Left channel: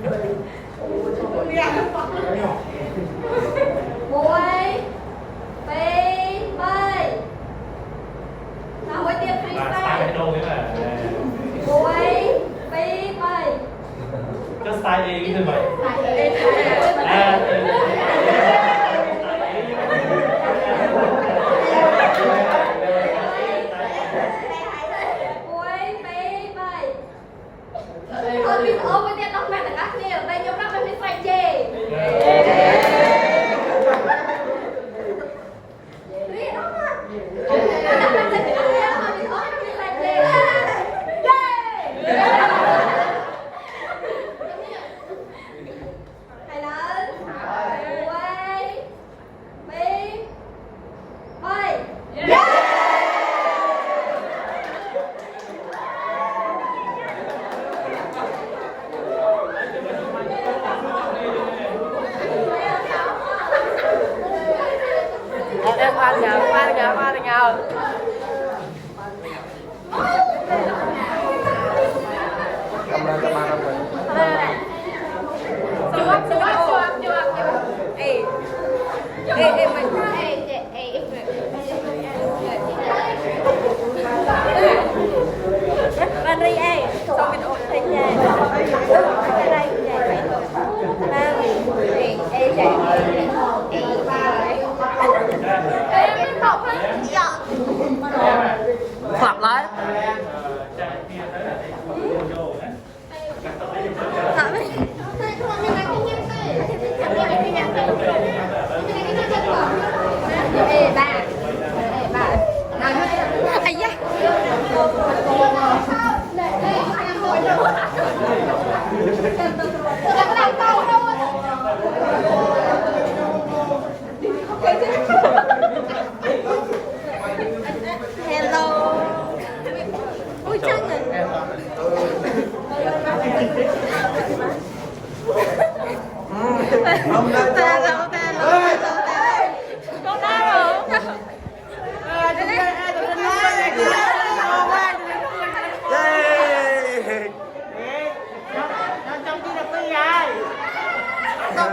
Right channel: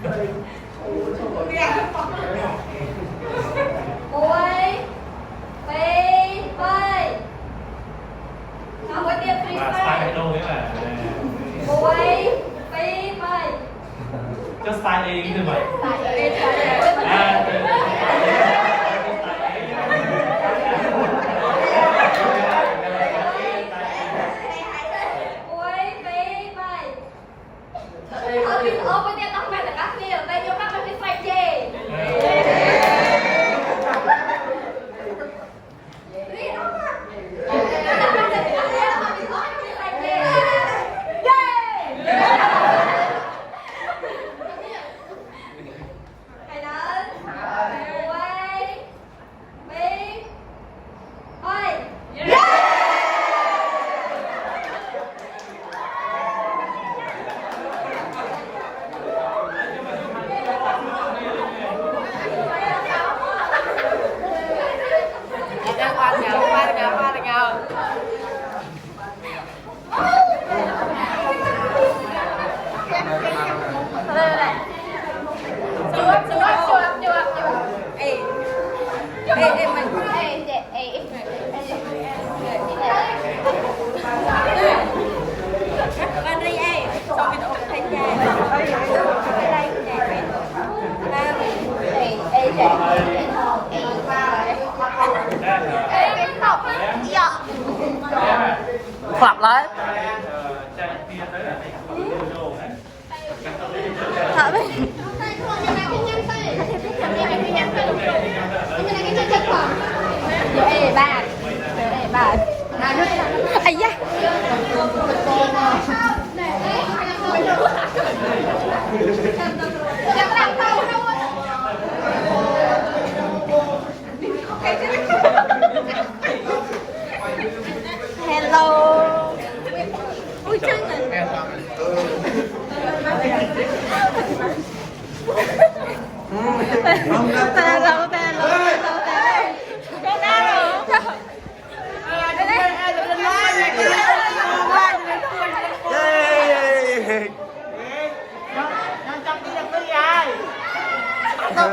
Muối bay bay không có tiền free style bay này đô ấy mà muối bay bay cho style đi như vậy muối bay bay thôi mình ôm cái tiền tóc mẹ là các kia bay vô các cái phải chê Qua ngào. Ê mình Van ri ê xong cái độ thấy dài cái đây dài ba ê dài hoặc lại thở đi ê ba nào nước ai da hello ui chân này trong đi được với ai đâu